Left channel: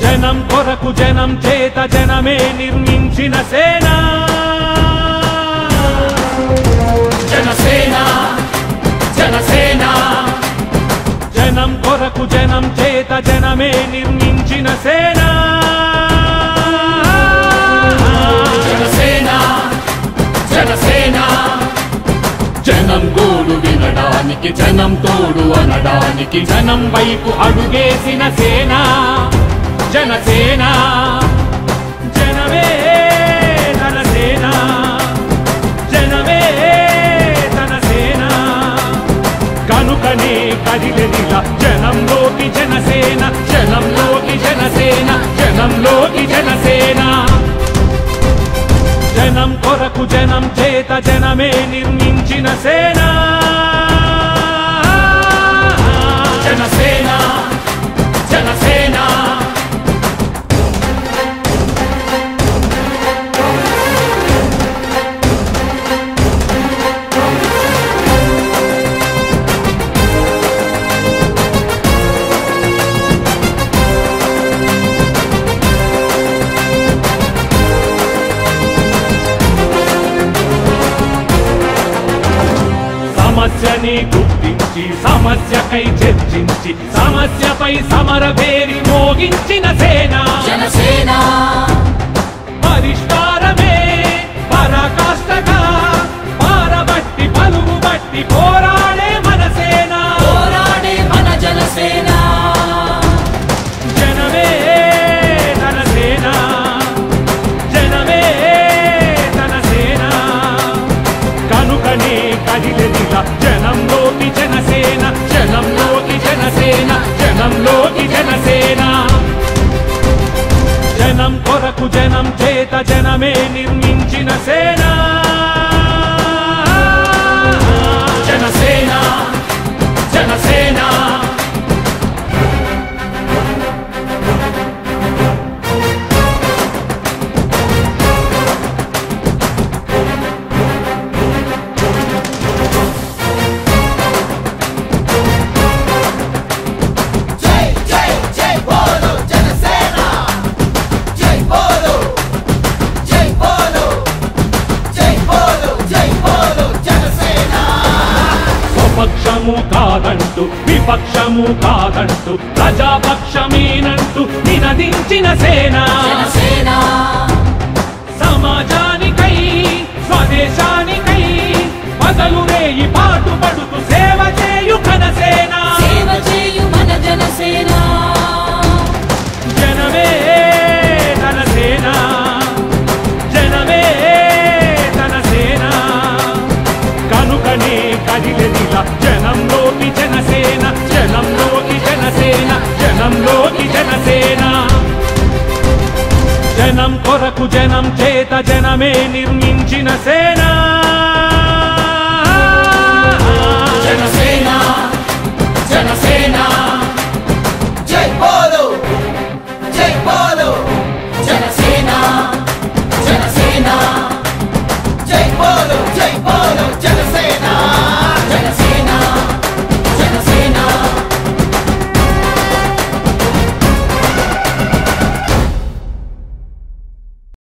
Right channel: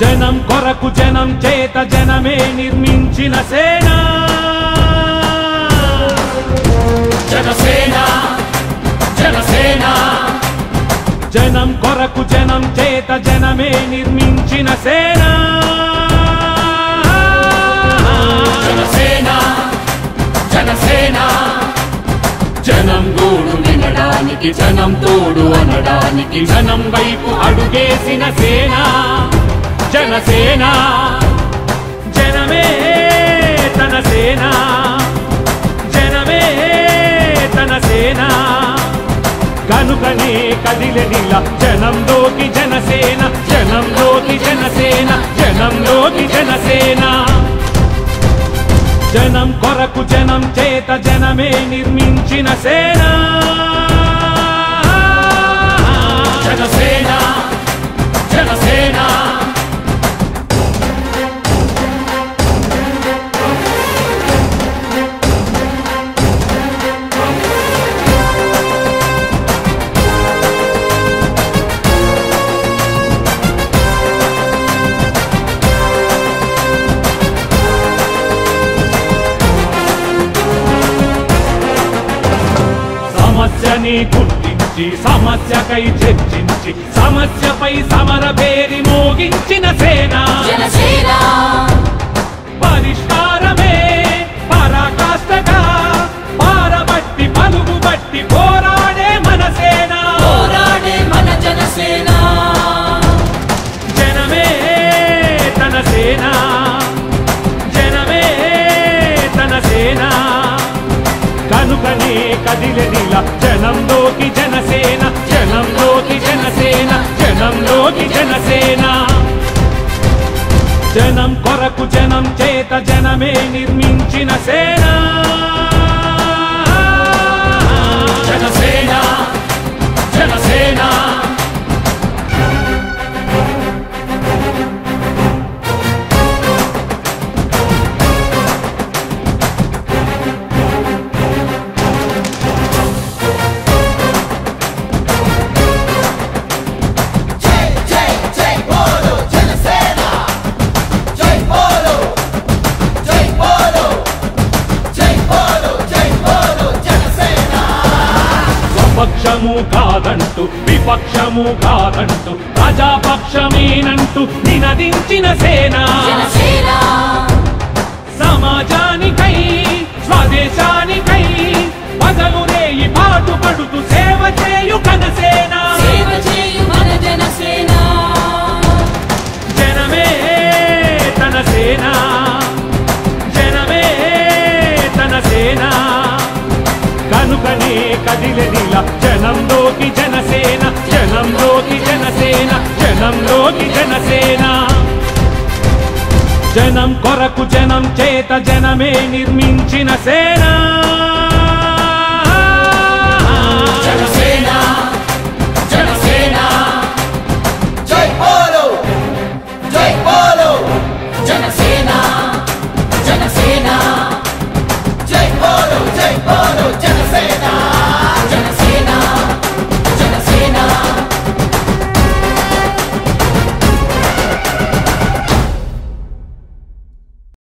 జనం కొరకు జనం చేత జనమే నిర్మించిన సేన జనసేన జనసేన జనం కొరకు జనం చేత జనమే నిర్మించిన సేన జనసేన జనసేన జనం గోడు వినడానికి జనం తోడు అనడానికి జనం వైపు అడుగేసిన సేన జనసేన జనమే తన సేన జనమే తన సేన కనుకనే కదిలెదిలా జనంలోకి జనసేన జనంలోకి జనసేన జనంలోకి జనసేన జనం కొరకు జనం చేత జనమే నిర్మించిన సేన జనసేన జనసేన సమస్యని గుర్తించి సమస్యకై చర్చించి సమస్యపై సమర పేరి మోగించిన సేన జనసేన పరిష్కారమే పరాకాష్ఠగా పారబట్టి పలుగుబట్టి పోరాడే మన సేన పోరాడే మన జనసేన జనమే తన సేన జనమే తన సేన కనుకనే కదిలెదిలా జనంలోకి జనసేన జనంలోకి జనసేన జనంలోకి జనసేన జనం కొరకు జనం చేత జనమే నిర్మించిన సేన జనసేన జనసేన పక్షము కాదంటూ విపక్షము కాదంటూ ప్రజాపక్షమేనంటూ నినదించిన సేన సమాజానికై స్వదేశానికై పగలు రేయి పాటుపడుతూ సేవ చేయు కనసేన జనమే తన సేన జనమే తన సేన కనుకనే కదిలెదిలా జనంలోకి జనసేన జనంలోకి జనసేన జనంలోకి జనసేన జనం కొరకు జనం చేత జనమే నిర్మించిన సేన